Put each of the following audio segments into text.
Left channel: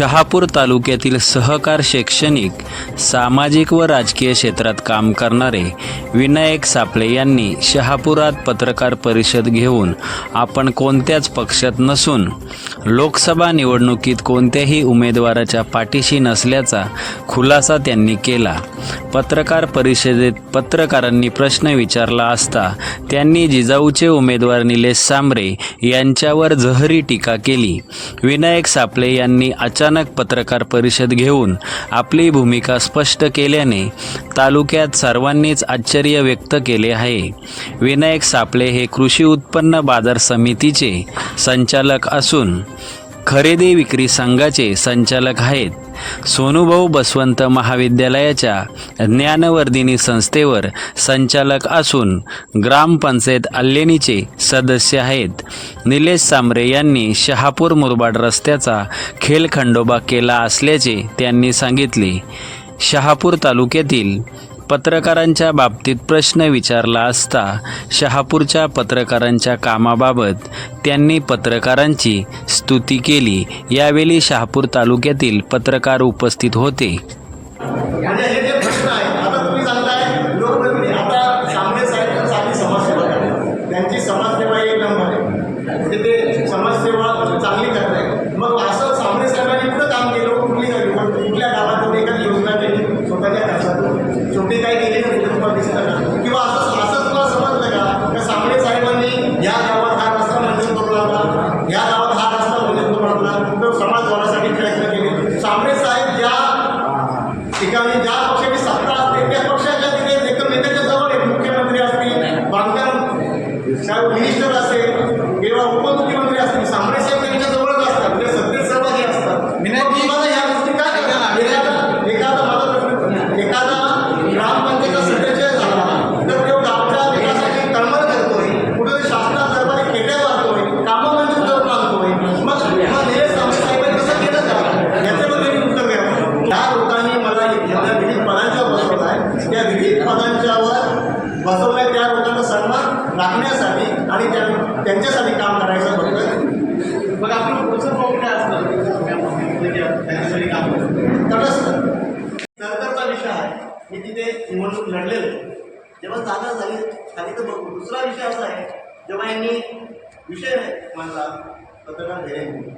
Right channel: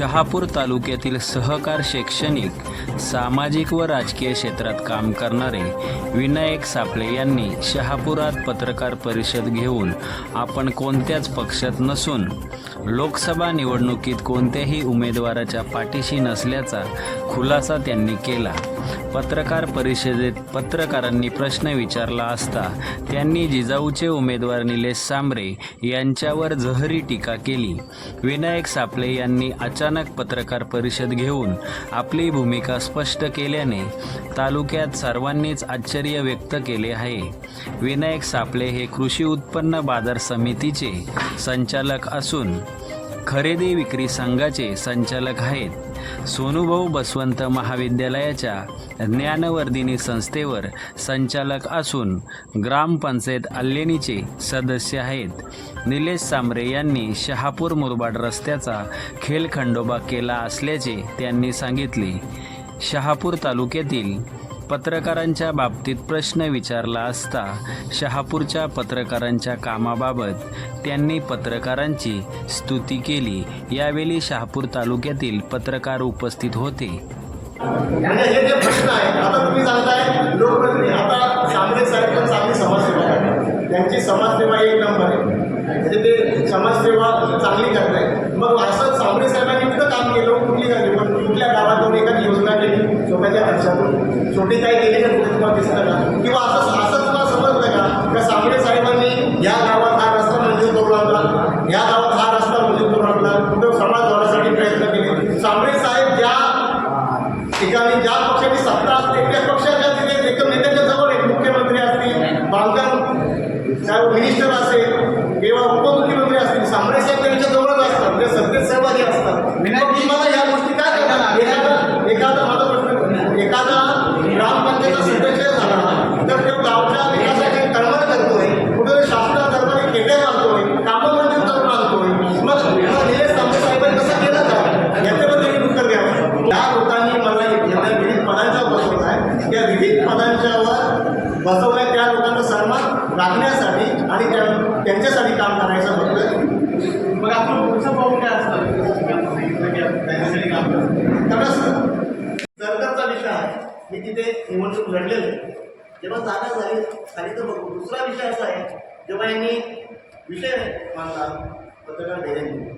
शहापूर तालुक्यातील सहकार शैक्षणिक सामाजिक व राजकीय क्षेत्रात काम करणारे विनायक सापळे यांनी शहापुरात पत्रकार परिषद घेऊन आपण कोणत्याच पक्षात नसून लोकसभा निवडणुकीत कोणत्याही उमेदवाराच्या पाठीशी नसल्याचा खुलासा त्यांनी केला. पत्रकार परिषदेत पत्रकारांनी प्रश्न विचारला असता त्यांनी जिजाऊचे उमेदवार निलेश सांबरे यांच्यावर जहरी टीका केली. विनायक सापळे यांनी अचानक पत्रकार परिषद घेऊन आपली भूमिका स्पष्ट केल्याने तालुक्यात सर्वांनीच आश्चर्य व्यक्त केले आहे. विनायक सापळे हे कृषी उत्पन्न बाजार समितीचे संचालक असून खरेदी विक्री संघाचे संचालक आहेत. सोनूभाऊ बसवंत महाविद्यालयाच्या ज्ञानवर्धिनी संस्थेवर संचालक असून ग्रामपंचायत अल्लेणीचे सदस्य आहेत. निलेश सांबरे यांनी शहापूर मुरबाड रस्त्याचा खेलखंडोबा केला असल्याचे त्यांनी सांगितले. शहापूर तालुक्यातील पत्रकारांच्या बाबतीत प्रश्न विचारला असता शहापूरच्या पत्रकारांच्या कामाबाबत त्यांनी पत्रकारांची स्तुती केली. यावेळी शहापूर तालुक्यातील पत्रकार उपस्थित होते. म्हणजे त्यांची समाजसेवा एक नंबर आहे. म्हणजे ते समाजसेवा चांगली करत करताय मग असं शामरे साहेबांनी कुठं काम केलं कुठली कुठल्या गावातून एखादी योजना केली स्वतःच्या खर्चातून छोटी काही गेले का कुठे तुम्हाला दिसतं का किंवा असं असं तुम्हाला समजलं का? का शामरे साहेबांनी या गावात हा रस्ता मंजूर करून आणला या गावात हा रस्ता मंजूर करून आणला कुठं समाज होण्यासाठी प्रयत्न केले. शामरे साहेब ज्या ठिकाणी ज्या पक्षाची सत्ता असते त्या पक्षाच्या तिथे एकदम नेत्याच्या जवळ आहेत मुख्यमंत्री असतील बांधकाम साहेब मिनिस्टर असेल किंवा उपमुख्यमंत्री असतील सांबरे साहेब त्यांच्या जवळच असतात त्या सत्तेत सहभागी असतात मग तुम्हाला या गोष्टी काय करणार एखादा एखादा माझा प्रश्न एखादा ग्रामपंचायतचा सदस्य झाला तर तो गावच्या विकासाची तळमळ करतोय कुठे शासनात दरबारी खेटे मारतोय कामं मंजूर करून आणतोय मग मग निलेश सांबरे साहेबांनी तसं केलं का याच्याबद्दल मी उत्तर द्यावं या लोकांनी मला या विविध पदांच्यावर बसवलं आहे त्या विविध पदांच्यावर बसवल्या त्या लोकांचा सन्मान राखण्यासाठी आणि त्या त्यांच्यासाठी काम करायचं फक्त मग आपलं पुढचं पाऊल काय असतं? त्याच्यासाठी काम करतो. तटस्थ. नंतरचा विषय आहे. मी तिथे निवडणूक लढलेलो. जेव्हा जागा झाली झाली तर बघू. दुसरा विषय असा आहे जेव्हा यांनी विषय मांडला पत्रकार धेरेंनी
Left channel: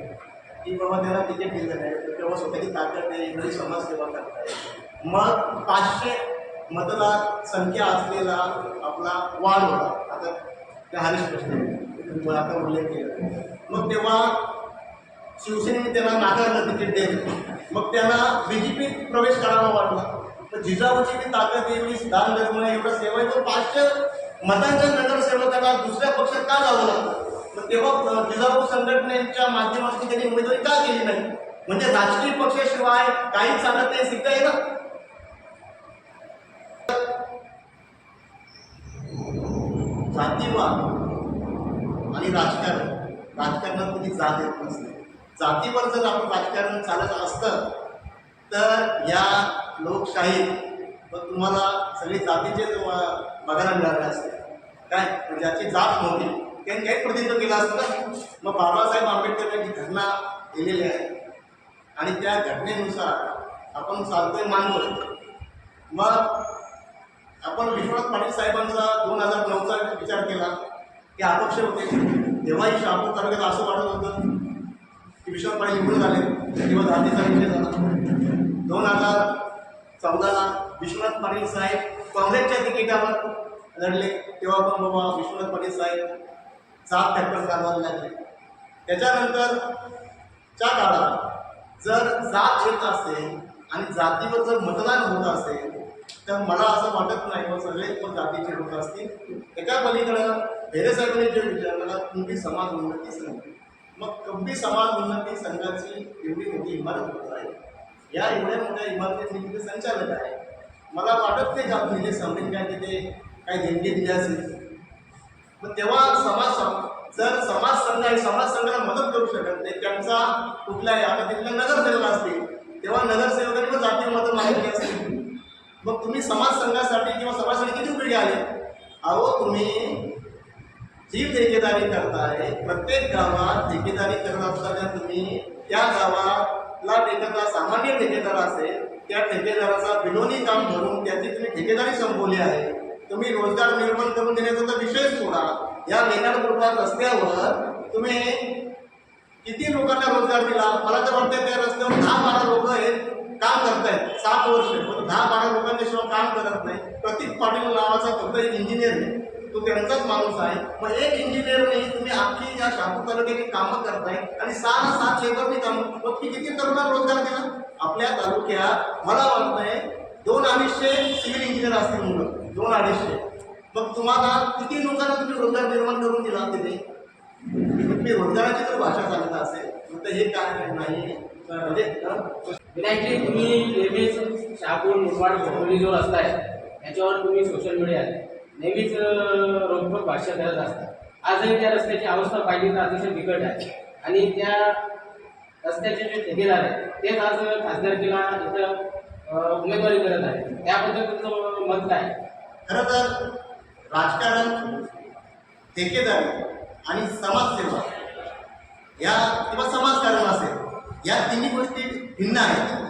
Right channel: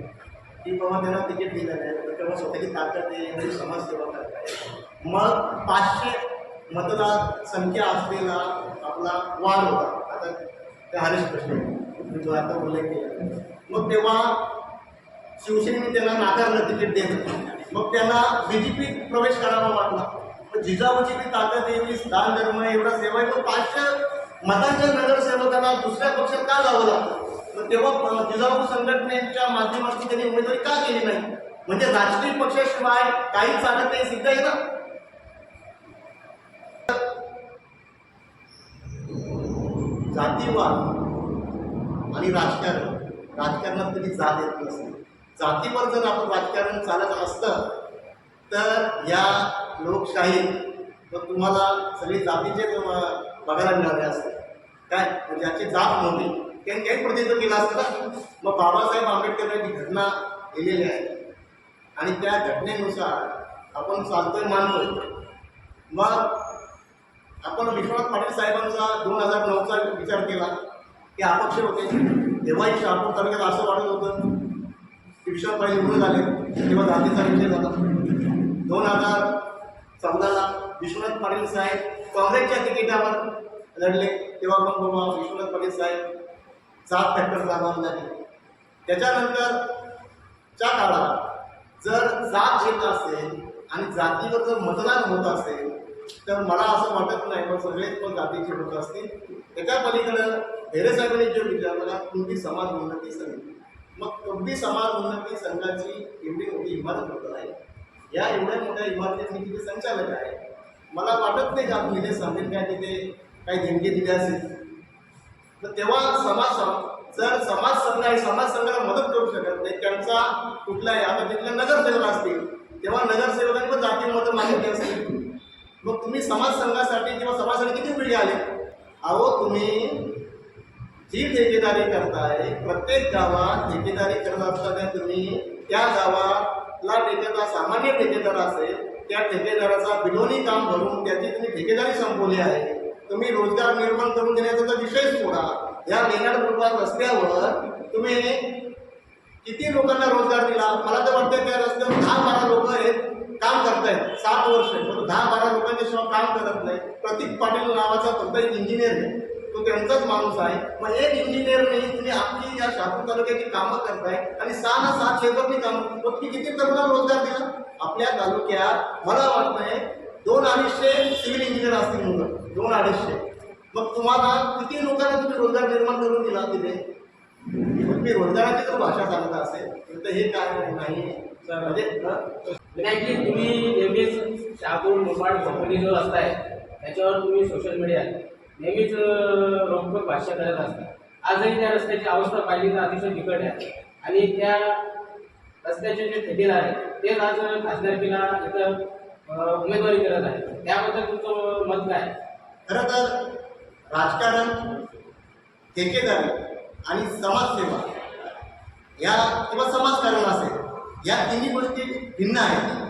की बाबा त्यांना तिकीट दिलं नाही तर तेव्हा स्वतःची ताकद आहे एवढी समाजसेवा करताय मग पाचशे मतदार संख्या असलेला आपला वाढ होता. आता त्या हरीश प्रश्न तुम्ही आता उल्लेख केला. मग तेव्हा शिवसेनेने त्यांना नाकारलं तिकीट देणं. मग त्यांना बी जे पीत प्रवेश करावा वाटला. मग जिजाऊची मी ताकद एवढी दान धर्म आहे, एवढा सेवा आहे पण पाचशे मतांच्या नगरसेवकांना दुसऱ्या पक्षात का जावं लागतं मग तेव्हा जिजाऊ संघटनेच्या माध्यमातून त्यांनी उमेदवारी का केली नाही? म्हणजे राजकीय पक्षाशिवाय काहीच चालत नाही सिद्ध आहे ना? जातीवाद आणि राजकारण. राजकारणात कधी जात येत नसते. जातीवर जर आपण राजकारण चालत असतं तर या लोकशाहीत मग तुम्हाला सगळी जातीचे बघायला मिळाले असते. काय? म्हणजे ज्याची जात नव्हती त्यांनी काही प्रतिनिधित्व केलं असतं ना? मग बाबासाहेब आंबेडकरांची घटना लिहिलेली आहे. आणि त्या घटनेनुसार आपण चालतोय मानतोय. मग आपण विश्वनाथ पाटील साहेबांचा दोन हजार नऊचा विचार केला की अपक्ष होते. तेव्हाही शहापूर तालुक्यात असं वाटत होतं की विश्वनाथ पाटील निवडून आले तेव्हा जातीचा विषय झाला. दोन हजार चौदाला विश्वनाथ पाटील साहेब काँग्रेसच्या तिकिटावर लढले तेव्हा पण बाबा विश्वनाथ पाटील साहेब जात फॅक्टर चालवायला लागले. त्याच्यानंतरच्या काळात जर जात येत असेल आणि जातीवर जर मतदान होत असेल तर मला असं वाटत नाही पण सगळेच मग जातीचे लोक असतील. एका पलीकडं भेरे साहेबांनी जो विचारलं का समाज उन्नती संघ. मग कब्बी समाज उन्नती संघाची एवढी मोठी इमारत होत आहे. या एवढ्या मोठ्या इमारतीत मी तिथे संचालक आहे. मला वाटत नाही का तुम्ही सांगेल काय तिथे काही देणगी दिली असेल. पण तेव्हा समाज जर समाज संघ आहे समाज संघाला मदत करू शकत नाही त्यांचा कुठलाही आता तिथले नगरसेवक असतील तेव्हा नगरसेवकांनी पण जाती मतं मागितली असतील. मग तुम्ही समाज संघासाठी किंवा समाजासाठी किती उपयोगी आले अहो तुम्ही जी ठेकेदारी करताय प्रत्येक गावात ठेकेदारी करत असताना तुम्ही त्या गावाला ठेकेदार सामान्य ठेकेदार असेल त्या ठेकेदाराचा बिलोनी काम भरून त्याची तुम्ही ठेकेदारी संपवली आहे. तुम्ही रोजगार निर्माण करून देण्याचा तर विषय सोडा. या लेणार रस्त्यावर तुम्ही किती लोकांना रोजगार दिला? मला तर वाटतं त्या रस्त्यावर दहा बारा लोक आहेत. काम करतायत. सात वर्ष. पण दहा बारा लोकांच्या शिवाय काम करत नाही. प्रतीक पाटील नावाचा फक्त एक इंजिनियर आहे. तो त्यांचाच माणूस आहे. मग एक इंजिनियरने तुम्ही अख्खी या शहापूर तालुक्याची कामं करताय आणि सहा ना सात लेबरनी काम मग तुम्ही किती तरुणांना रोजगार दिला? आपल्या तालुक्यात मला वाटतंय दोन अडीचशे सिव्हिल इंजिनियर असतील मुलं. दोन अडीचशे. मग तुम्हाला किती लोकांना तुम्ही रोजगार निर्माण करून दिला तिथे? तुम्ही रोजगाराची तर भाषा सांगत असेल. तर हे काय नाही. म्हणजे? विनायकजी तुम्ही नेहमीच शहापूर मुरबाड भोपोली जो रस्ता आहे त्याच्यावर तुम्ही सोशल मीडियात नेहमीच रोखोक भाष्य करत असता. आजही त्या रस्त्याची अवस्था पाहिली तर अतिशय बिकट आहे. आणि त्या रस्त्याचे जे ठेकेदार आहेत तेच आज खासदारकीला इथं उमेदवारी करत आहे त्याबद्दल तुमचं मत काय? आहे? खरं तर राजकारण ठेकेदारी आणि समाजसेवा या किंवा समाजकारण असेल या तिन्ही गोष्टी भिन्न आहेत.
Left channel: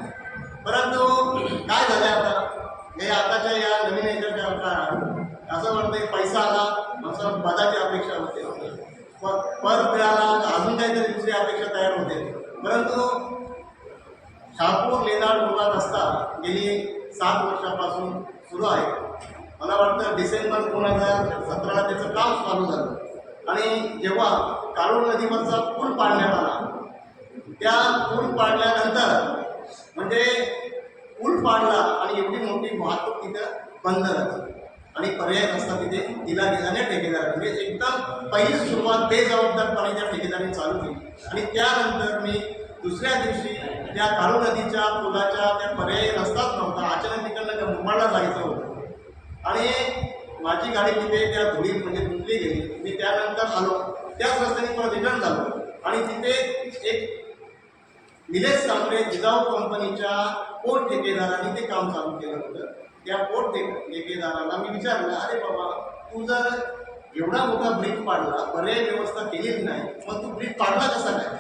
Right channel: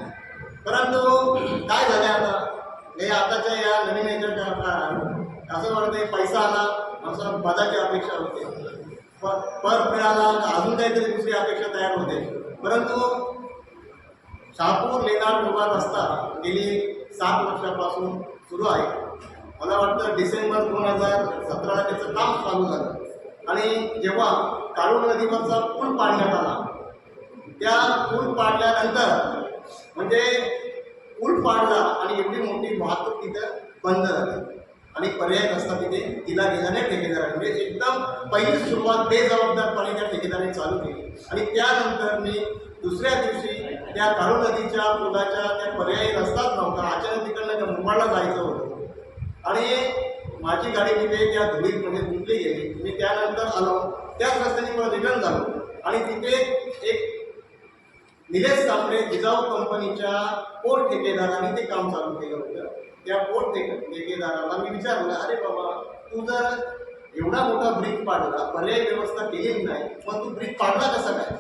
परंतु काय झालं आता? हे आताच्या या नवीन याच्या काळात असं वाटतं पैसा आला माणसाला पदाची अपेक्षा होते. प- पद मिळाला अजून काहीतरी दुसरी अपेक्षा तयार होते. परंतु शहापूर लेणार मुलगा रस्ता गेली सात वर्षापासून सुरू आहे. मला वाटतं डिसेंबर दोन हजार सतराला त्याचं काम चालू झालं. आणि जेव्हा काळू नदीवरचा पूल पाडण्यात आला त्या पूल पाडल्यानंतर म्हणजे पूल पाडला आणि एवढी मोठी वाहतूक तिथं बंद झाली आणि पर्याय रस्ता तिथे दिला गेला नाही ठेकेदाराने. म्हणजे एकदम पहिली सुरुवात बेजबाबदारपणे त्या ठेकेदाराने चालू केली. आणि त्यानंतर मी दुसऱ्या दिवशी त्या काळू नदीच्या पुलाच्या त्या पर्यायी रस्ताच नव्हता. अचानक तिकडनं त्या मुंबईला जायचं होतं. आणि माझी गाडी तिथे त्या धुळीत म्हणजे धुतली गेली. मी त्यानंतर आलो. त्याच रस्त्याने मला रिटर्न झालो. आणि तिथे एक निलेश सांबरे जिजाऊ कंपनीच्या पोट ठेकेदारांनी ते काम चालू केलं होतं. त्या पोट ठेके ठेकेदाराला मी विचारलं अरे बाबा तू जर एवढा मोठा ब्रिज पाडला पर्याय व्यवस्था केलेली नाही मग तू ब्रिज पाडला कसा काय?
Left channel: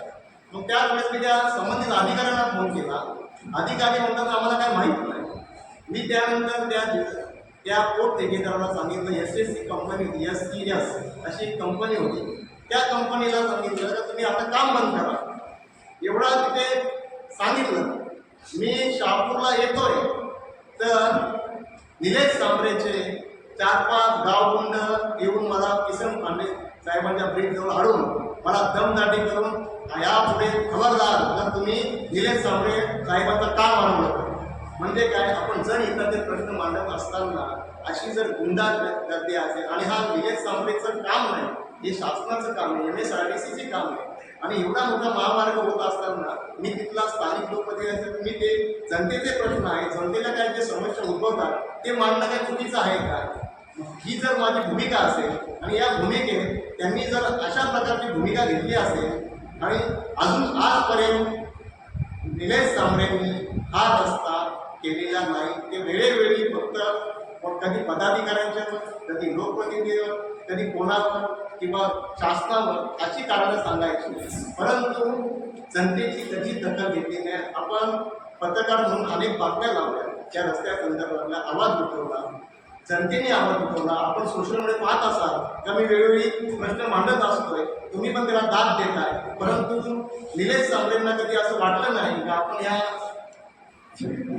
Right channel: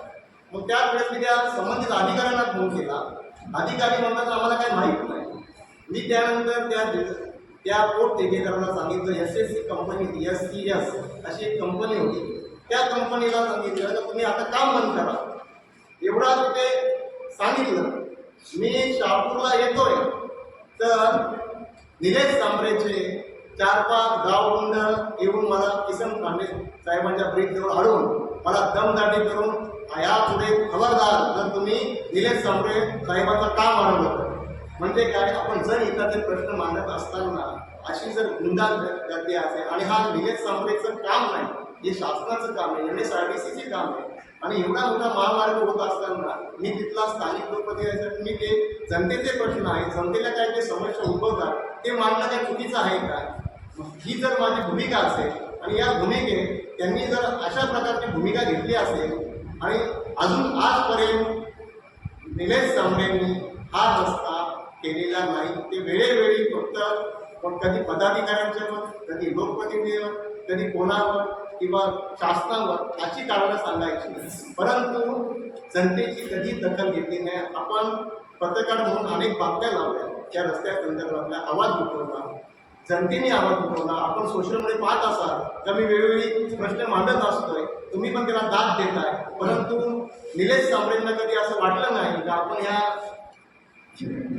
मग त्यावेळेस मी त्या संबंधित अधिकाऱ्यांना फोन केला. अधिकारी म्हणतात आम्हाला काय माहीत नाही. मी त्यानंतर त्या त्या पोट ठेकेदाराला सांगितलं S S C company S C S अशी एक कंपनी होती. त्या कंपनीला सांगितलं की तुम्ही आता काम बंद करा. एवढा तिथे सांगितलं. मी शहापूरला येतोय. तर निलेश सांबरेचे चार पाच गावगुंड येऊन मला किसन पांडे साहेबांच्या ब्रिजजवळ हाडून मला दमदाटी करून यापुढे खबरदार जर तुम्ही निलेश सांबरे साहेबांचं काम अडवलं म्हणजे काय? आपण जण इतर प्रश्न मांडत असताना अशी जर गुंडा गर्दी असेल आणि हा निलेश सांबरेचं काम नाही हे शासनाचं काम आहे एम एस आर टी सीचे काम आहे आणि एवढा मोठा महामार्ग होत असताना मी तिथला स्थानिक लोकप्रतिनिधी मी ते जनतेचे प्रश्न आहे जनतेला काय जे समस्या उद्भवतात ते मांडणं काय चुकीचं आहे का? ही जर माझी भूमिका असेल आणि या भूमिकेत त्यांनी जर अशा प्रकारची भूमिका घेतली असेल आणि अजून आजपर्यंत निलेश सांबरेंनी हा रस्ता केलेला नाही ते वेळोवेळी फक्त मग कधी पदाधिकाऱ्यांच्यावर कधी लोकप्रतिनिधीवर कधी कोणावर किंवा शासनावर अशी कारणं सांगायची. परंतु जनतेची कधी दखल घेतली नाही. आपण पत्रकार म्हणून अनेक बातम्या लावल्या. त्या रस्त्या संदर्भातला आवाज उठवला. जनतेने आवाज उठवला. आपण सोशल मीडिया पाहत असाल. तर मी वेळोवेळी प्रश्न मांडत असतोय. तुम्ही पण त्याला दाद देताय. परंतु निलेश सांबरेंना कधी असं वाटलं नाही का? आपण या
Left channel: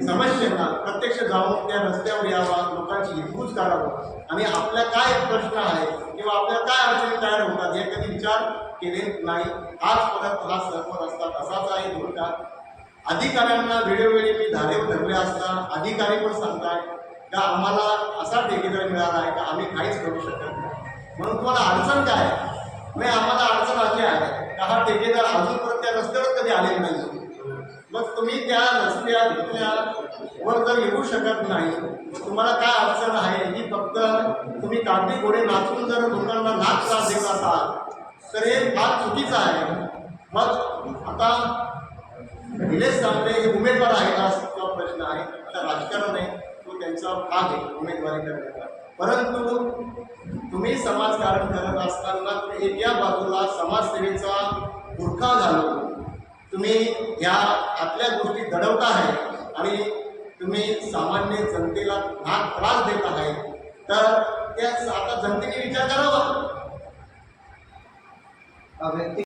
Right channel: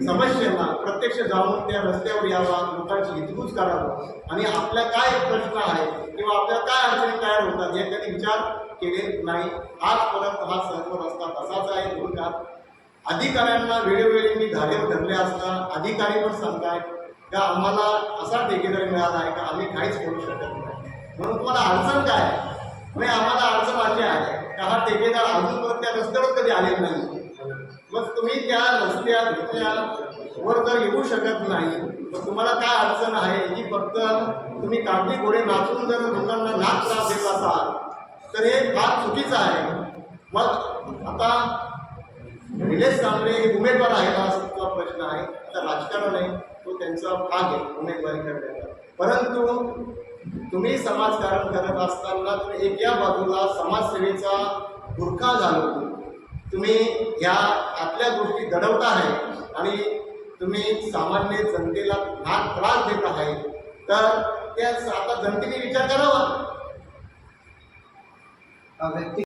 समस्यांना प्रत्यक्ष जाऊन त्या रस्त्यावर यावा लोकांची हितगुज करावं. आणि आपल्या काय प्रश्न आहे किंवा आपल्या काय अडचणी तयार होतात हे कधी विचार केले नाही. आजपर्यंत हा सर्व रस्ता तसाच आहे धोरणात. अधिकाऱ्यांना वेळोवेळी मी धारेवर धरले असता अधिकारी पण सांगताय का आम्हाला असा ठेकेदार मिळाला आहे का आम्ही काहीच करू शकत नाही. म्हणून तुम्हाला अडचण काय आहे? म्हणजे आम्हाला अडचण अशी आहे का हा ठेकेदार अजूनपर्यंत त्या रस्त्यावर कधी आलेला नाही मग तुम्ही त्या रस्त्या वर जर येऊ शकत नाही मग तुम्हाला काय अडचण आहे? ही फक्त तुम्ही कागदी घोडे नाचून जर लोकांना नाच त्रास देत असाल तर हे फार चुकीचं आहे. मग आता निलेश सांबरे हे उमेदवार आहेत हा प्रश्न आहे. आता राजकारण आहे तो त्यांचा भाग आहे उमेदवारी करण्याचा. परंतु तुम्ही समाजकारण करत असताना तुम्ही एका बाजूला समाजसेवेचा बुरखा घालून तुम्ही ह्या आतल्या गोष्टी दडवत आहे आणि तुम्ही सामान्य जनतेला भाग त्रास देत आहे तर त्या आता जनतेने विचार करावा. व्यक्ती